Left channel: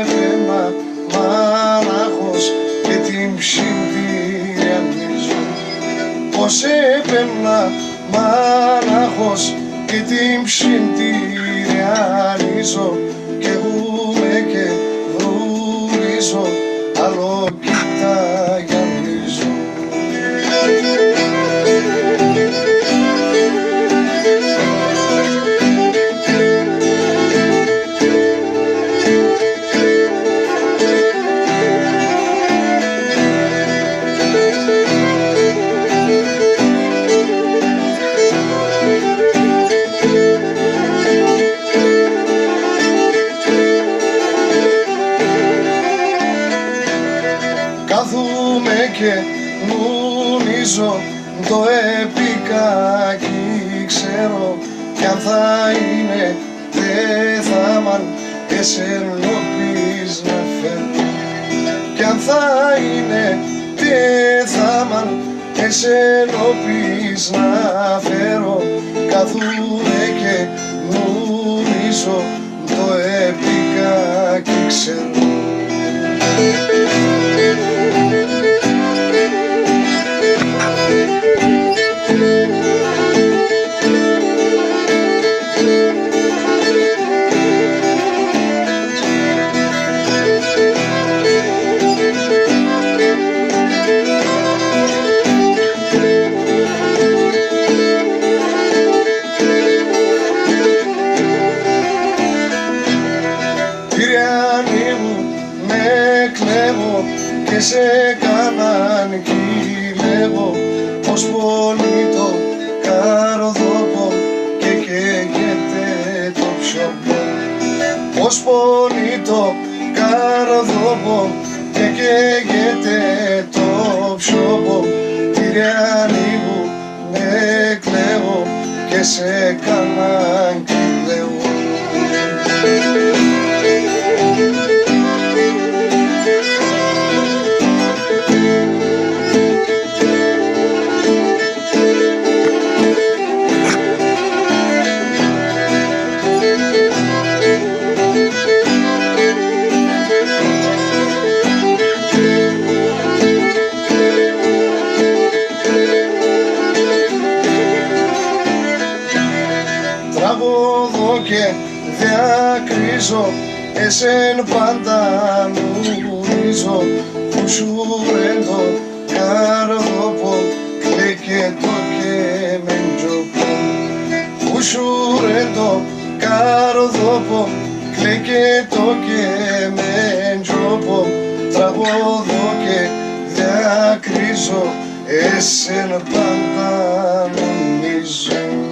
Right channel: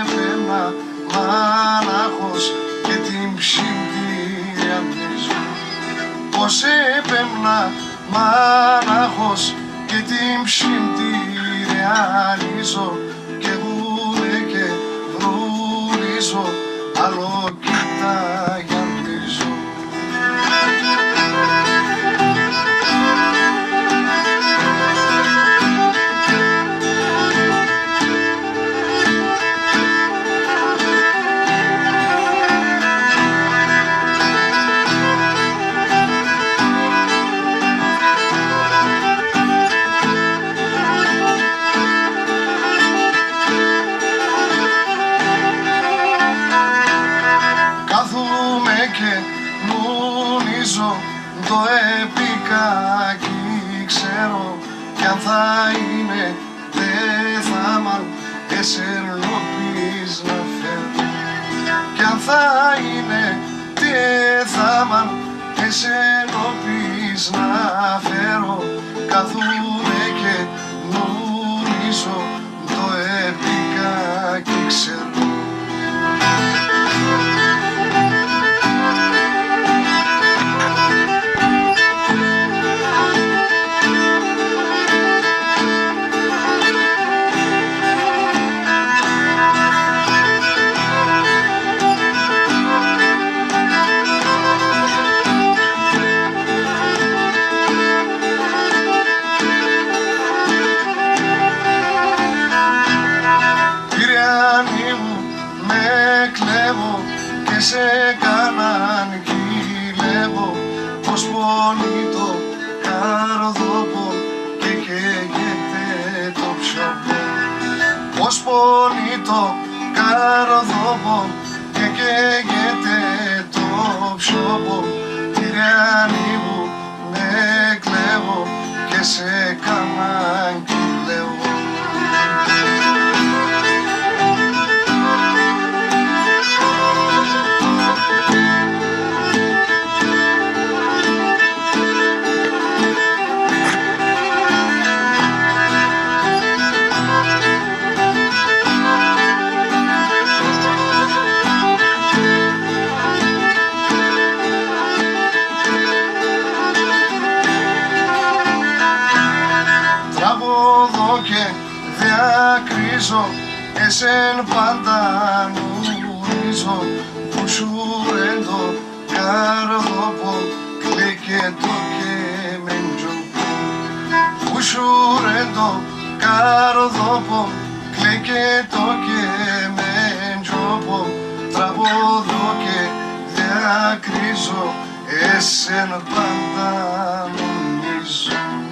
έπαιρνα μάναχος και την ψυντηριανίζω. Πως έπαιρνα μάναχος και την ψυντηριανίζω κι εγούμε και βρουλίζω, άλλο κοιταγιανίζω. Κάθομαι και νουνίζω το επικάκι, ξέρω κι αν θα είναι δεν θα μ' αν εσερνοποιείς να φέρω. Κι αν θα είναι δεν θα μ' αν εσερνοποιείς να φέρω. Κάθομαι και νουνίζω το επικάκι, ξέρω. Κλέβω και σε κάναν κυλεύω, πως πονεί το καρδόπο και καίγεται το πιοπό. Πως πονεί το καρδόπο και καίγεται το πιοπό. Κυριανή μου με κλέβω και σε κάναν κυλεύω. Τραγωδώ και διακρίζω, εσέν πάντα νουρίζω, που σου ρέντο καρδόπο, κλαίκετο και μεντζοπό. Που σου ρέντο καρδόπο, κλαίκετο και μεντζοπό. Τραγωδώ και διακρίζω, εσέν πάντα νουρίζω.